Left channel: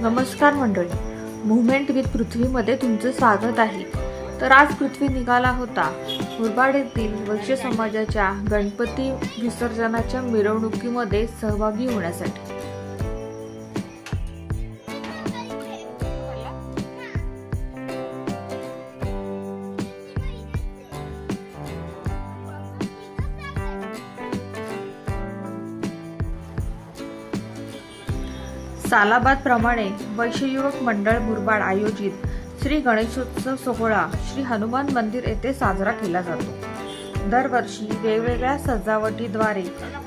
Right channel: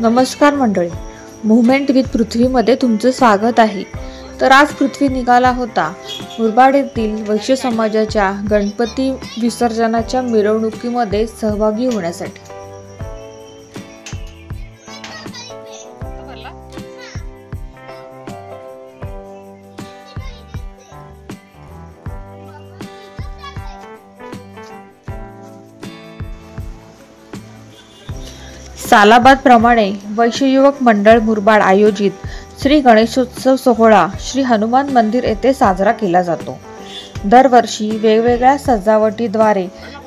नमस्कार मंडळी, movement with पृथ्वीमध्ये तुमचं स्वागत आहे। तर आज पृथ्वी निघाला होता मुरबाड येथील वैश्य समाजाच्या गणपती विसर्जनाच्या मिरवणुकीमध्ये सहभागी होण्यासाठी। सालाबाद प्रमाणे वैश्य युवक मंडळ मुरबाड आयोजित श्री गणेशोत्सव सोहळा श्री हनुमान मंदिर येथे साजरा केला जातो। दरवर्षी वेगवेगळ्या सजावटीद्वारे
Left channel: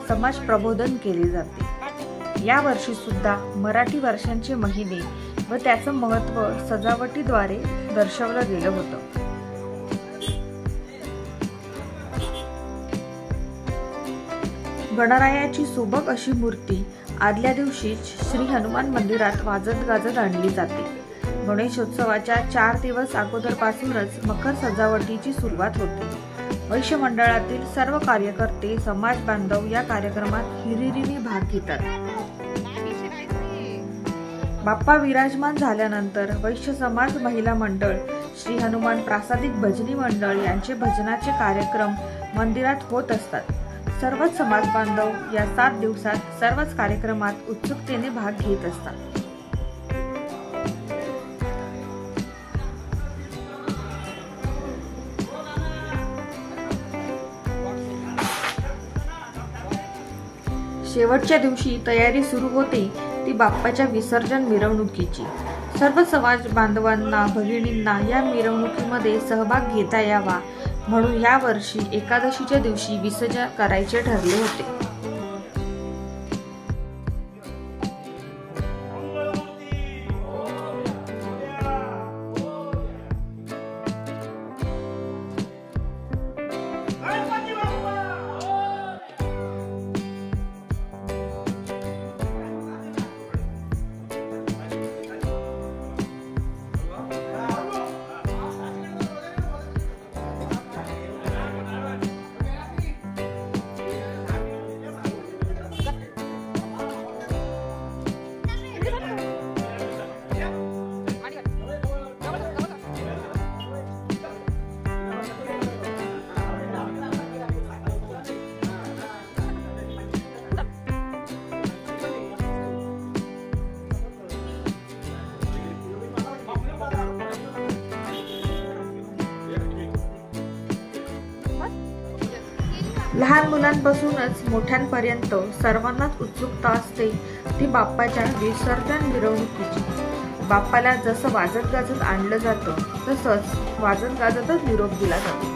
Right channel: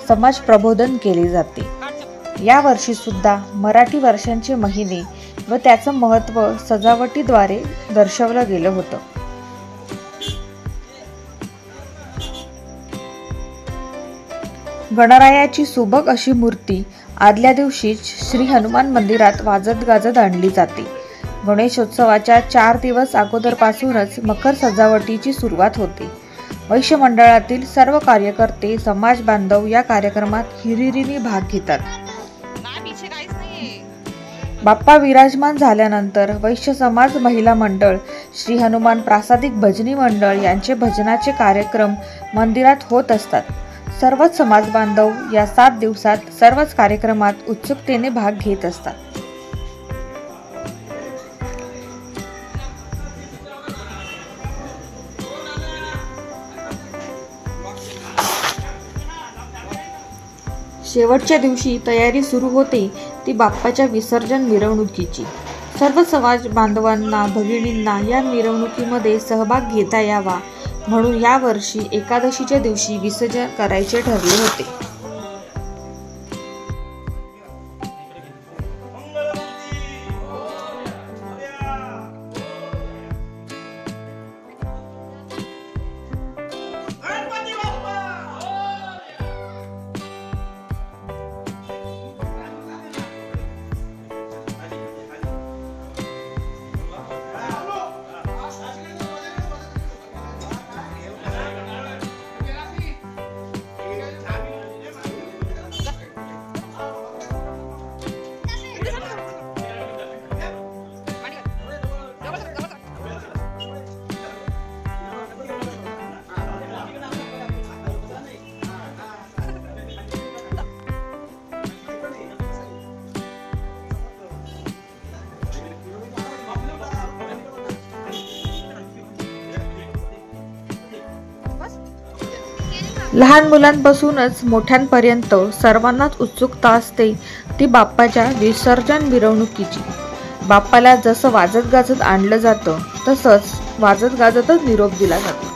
समाज प्रबोधन केले जाते। या वर्षी सुद्धा मराठी वर्षांचे महिने व त्याचं महत्त्व सजावटीद्वारे दर्शवलं गेलं होतं। गणरायाची सुबक अशी मूर्ती आदल्या दिवशी श्री हनुमान मंदिरात वाजत गाजत आणली जाते। गणेशोत्सवाच्या 4 दिवस अगोदरपासूनच मकर सजावटीची सुरुवात होते। वैश्य मंडळातील सर्व कार्यकर्ते समाज बांधव या कार्यक्रमात हिरिरीने भाग घेतात। बाप्पा विराजमान झाल्यानंतर वैश्य समाज महिला मंडळ, श्री हनुमान प्रासादिक भजनी मंडळ यांचे भजनाचे कार्यक्रम मंदिरात होत असतात। सर्वच समाज बांधव या 7 दिवसात सर्वच कार्यक्रमात उत्सुकतेने भाग घेत असतात। शेवटच्या दिवशी तयारी सुरू होते ती बाप्पाच्या विसर्जन मिरवणुकीची। सर्व समाज बांधवांना, भगिनींना या मिरवणुकीमध्ये सहभाग घेता यावा म्हणून या वर्षी एकादशीच्या दिवशी विसर्जन करायचे ठरले होते। लहान मुलांपासूनच मोठ्यांपर्यंत सर्वांनाच उत्सुकता असते ती बाप्पाच्या विसर्जन मिरवणुकीची। बाप्पाला जसं वाजत गाजत आणलं जातं तसंच वाजत गाजतच निरोप दिला जातो।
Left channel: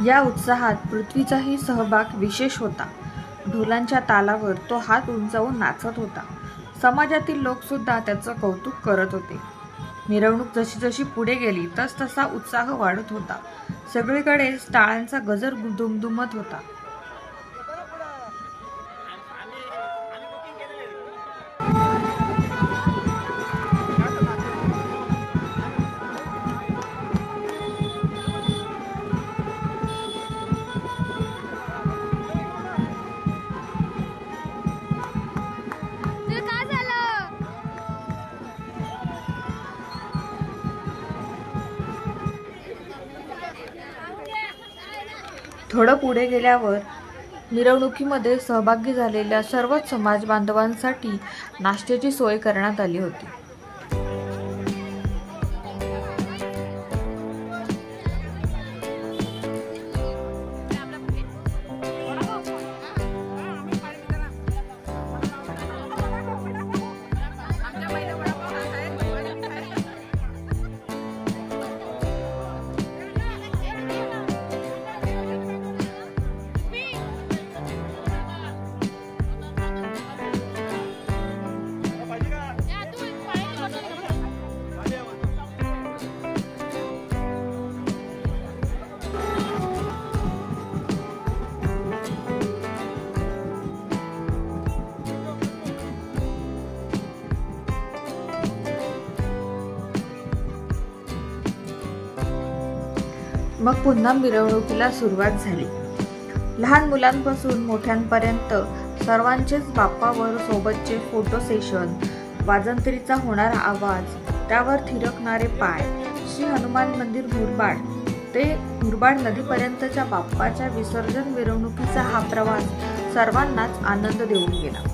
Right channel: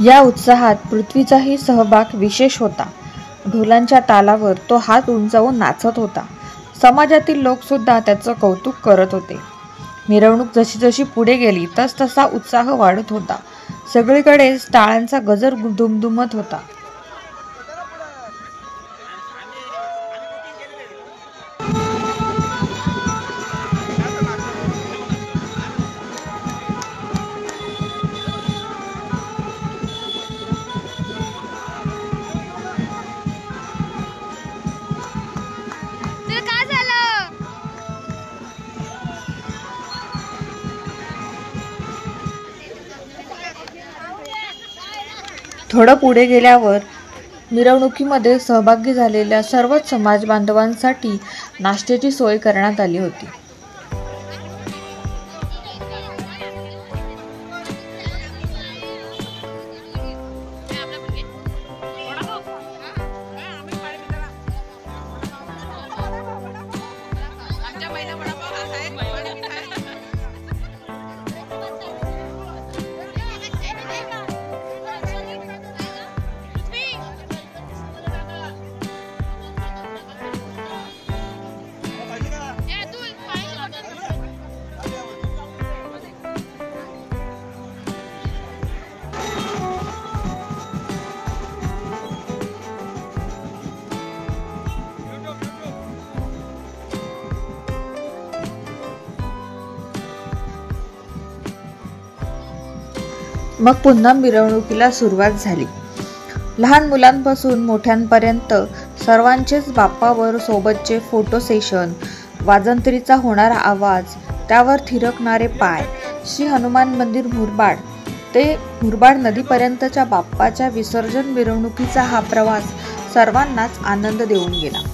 या उत्साहात पृथ्वीचाही सहभाग विशेष होता। ढोलांच्या तालावर तो हात उंचावून नाचत होता. समाजातील लोक सुद्धा त्याचं कौतुक करत होते. मिरवणूक जशी जशी पुढे गेली तसा उत्साह वाढत होता. सगळीकडेच टाळ्यांचा गजर दुमदुमत होता. थोडं पुढे गेल्यावर मिरवणुकीमध्ये सहभागी झालेल्या सर्वच समाज बांधवांसाठी नाश्त्याची सोय करण्यात आली होती. मग पुन्हा मिरवणुकीला सुरुवात झाली. लहान मुलांपासून मोठ्यांपर्यंत सर्वांचेच बाप्पावर सोबतचे फोटो सेशन, वाजंत्रीचा होणारा आवाज, त्यावर थिरकणारे पाय, श्री हनुमान मंदिर मुरबाड ते मुरबाड नदीपर्यंतच्या बाप्पाच्या विसर्जन मिरवणुकीचा हा प्रवास सर्वांनाच आनंद देऊन गेला.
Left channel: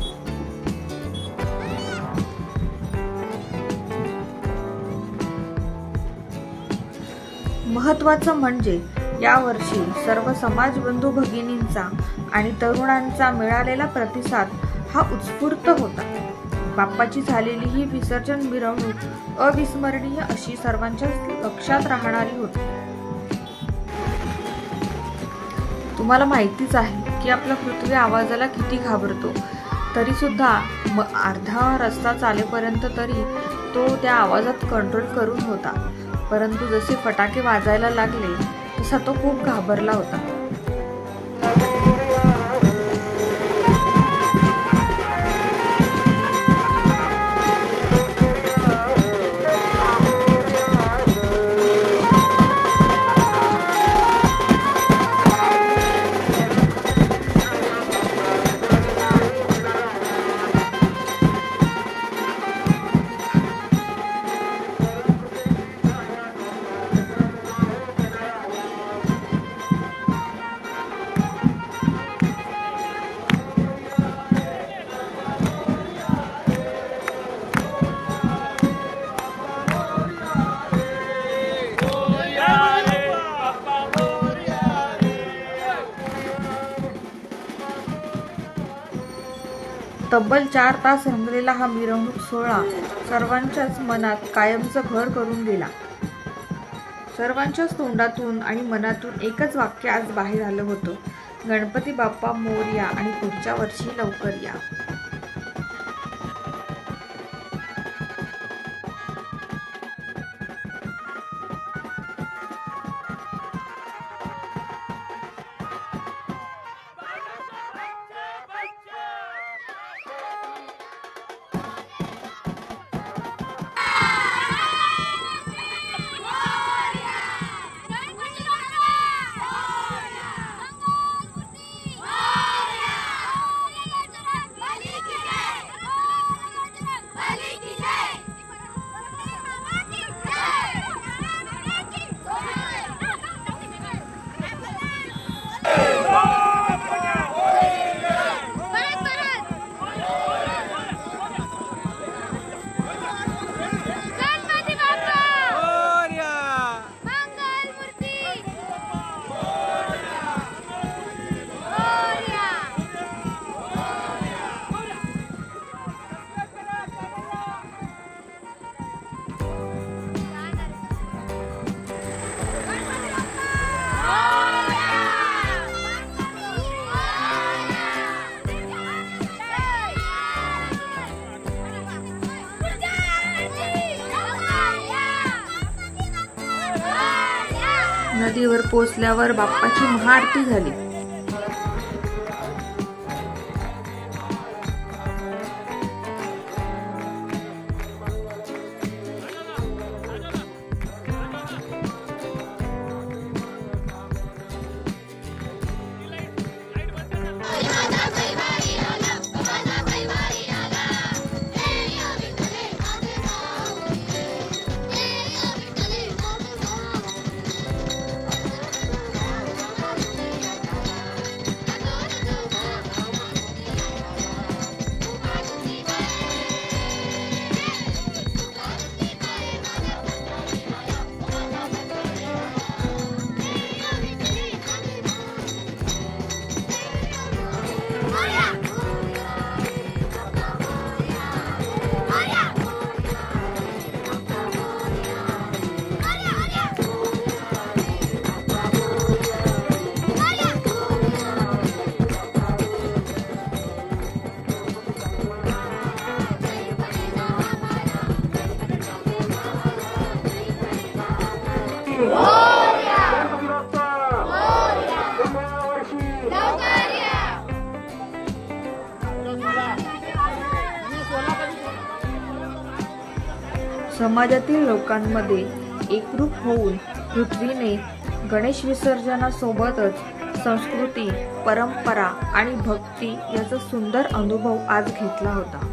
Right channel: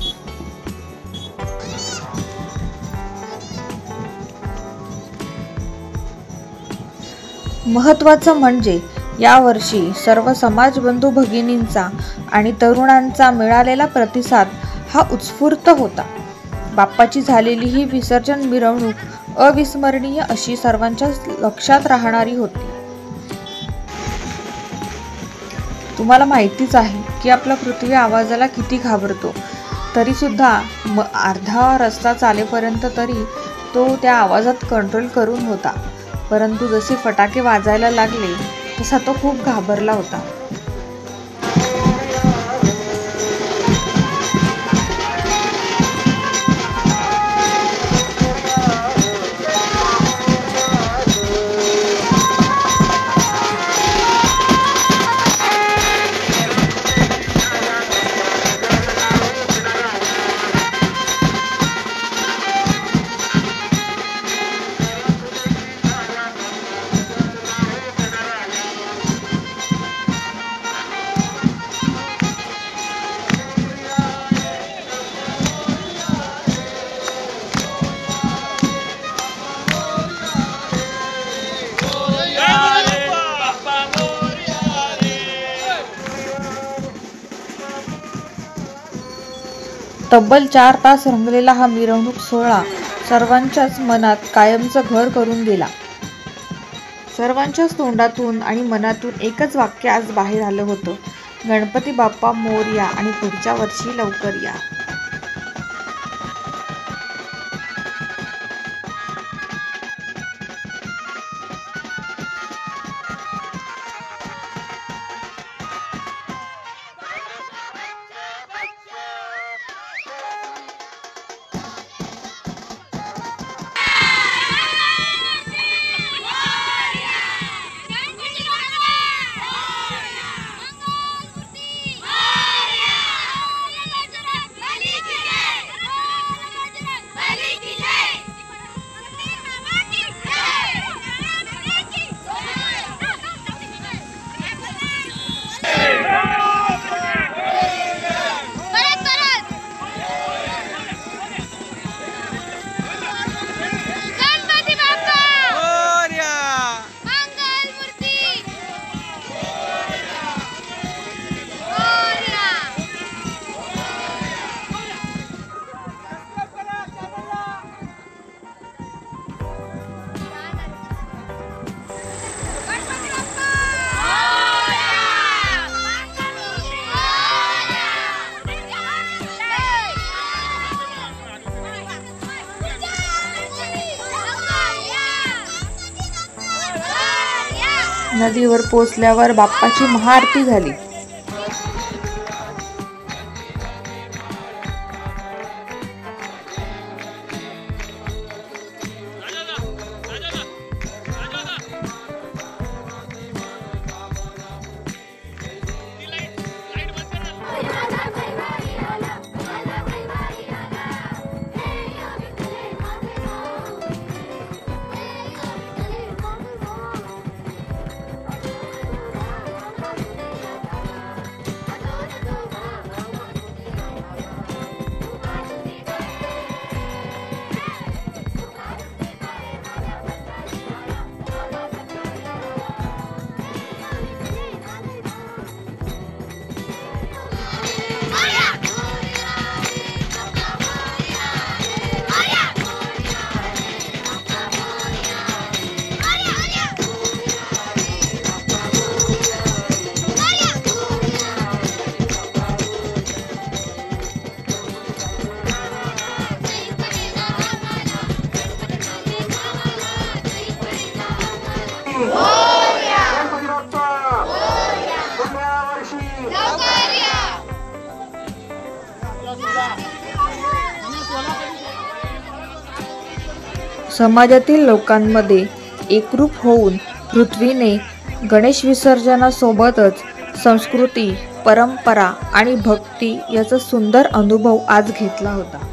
महत्त्वाचं म्हणजे यावर्षी सर्व समाजबंधू भगिनींचा आणि तरुणांचा मिळालेला प्रतिसाद हा उत्स्फूर्त होता. बाप्पाची झालेली ही विसर्जन मिरवणूक अविस्मरणीय अशी सर्वांच्या लक्षात राहणारी होती. तुम्हाला माहितीच आहे की आपला पृथ्वी आवाजाला किती घाबरतो, तरी सुद्धा अर्धा रस्ता चालेपर्यंत तरी तो त्या आवाजात कंट्रोल करून होता. परंतु जसे फटाके वाजायला लागले तसा तो खूप घाबरला होता. तब्बल 4 तास रंगलेला हा मिरवणूक सोहळा सर्वांच्याच मनात कायमचं घर करून गेला. सर्वांच्याच तोंडातून आणि मनातून एकच वाक्य आज बाहेर आलं होतं, गणपती बाप्पा मोरया आणि पुढच्या वर्षी लवकर या. नदीवर पोचल्यावर बाप्पाची महाआरती झाली। समाजातील लोकांमध्ये एकरूप होऊन पृथ्वीने गणेश विसर्जनासोबतच संस्कृती, परंपरा आणि भक्ती याचा सुंदर अनुभव आज घेतला होता।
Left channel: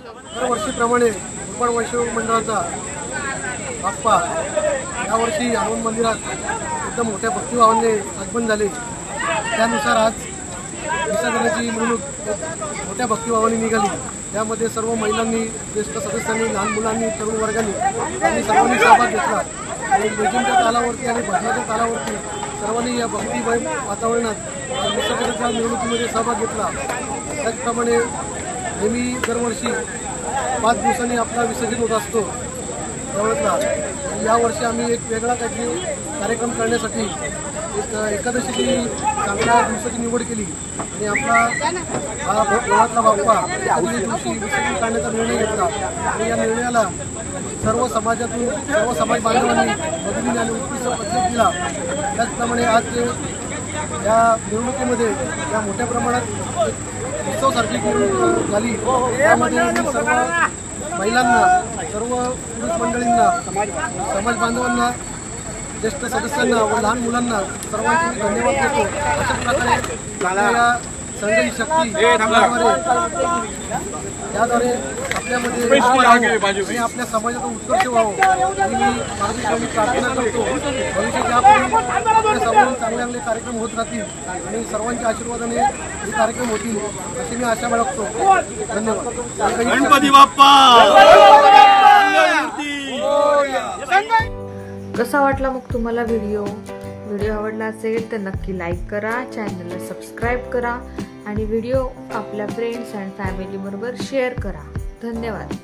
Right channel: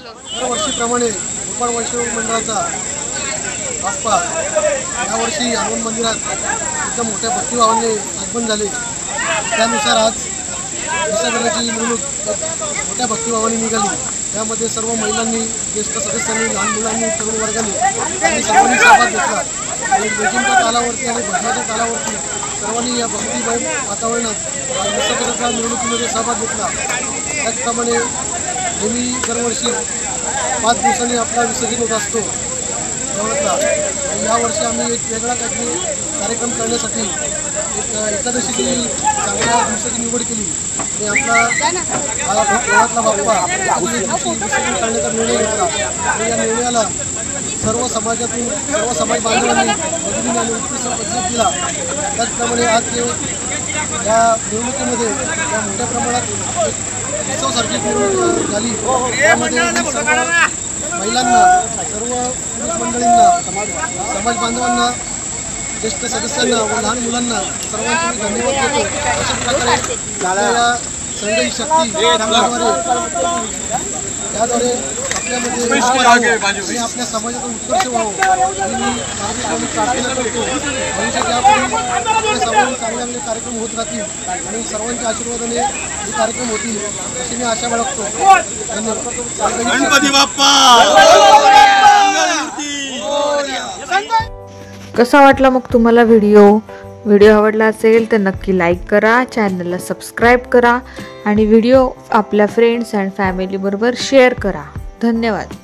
दरवर्षीप्रमाणे मुरबाड वैष्णव मंडळाचा बाप्पा यावर्षी हनुमान मंदिरात एकदम मोठ्या भक्तिभावाने आगमन झाले। त्यानुसार आज विसर्जनाची मिरवणूक मोठ्या भक्तिभावाने निघाली। त्यामध्ये सर्व महिलांनी, ज्येष्ठ सदस्यांनी, लहान मुलांनी, तरुण वर्गाने आणि सर्वांनी सहभाग घेतला आणि लेझिमच्या तालावरती आणि भजनाच्या तालावरती सर्वांनी या भक्तिमय वातावरणात विसर्जनाच्या मिरवणुकीमध्ये सहभाग घेतला। त्याचप्रमाणे नेहमी दरवर्षी 5 दिवसांनी आपला विसर्जन होत असतो। देवळातला. आणि यावर्षी आम्ही एक वेगळा काहीतरी कार्यक्रम करण्यासाठी एक एकादशीची चांगल्या दिवसाची निवड केली आणि आपला हा देवळातला बाप्पा एकादशी दिवशी विसर्जन करण्याचा निर्णय घेतला. आणि या निर्णयाला सर्व समाजातून सर्व समाज बांधवांनी भगिनीने आणि उत्कृष्ट प्रतिसाद दिला. त्याचप्रमाणे आज जे या निवडणुकीमध्ये या मोठ्या प्रमाणात एक उत्सवसारखी निवडणूक झाली, त्यामध्ये मी सर्व महिलांना, सर्व पुरुष मंडळींना, समाज बांधवांना, ज्येष्ठ सदस्यांना व लहान मुलांना सर्वांचे मी धन्यवाद देतो. अशाच प्रकारे आपल्या या संघ ही शक्ती याद्वारे आपल्यामध्ये आणि आपल्या समाजाचा उत्कर्ष व्हावं आणि मी परमेश्वराची प्रार्थना करतो. भविष्यात यापुढे आपल्या समाजात चांगले चांगले कार्यक्रम होत राहतील आणि सर्वांच्या आशीर्वादाने हे कार्यक्रम होतील अशी मी आशा बाळगतो. धन्यवाद. गणपती बाप्पा. कसा वाटला मग तुम्हाला व्हिडिओ आवडला असेल तर नक्की लाईक करा, चॅनलला सबस्क्राईब करा आणि व्हिडिओ आपल्या फ्रेंड्स अँड फॅमिलीबरोबर शेअर करा. धन्यवाद.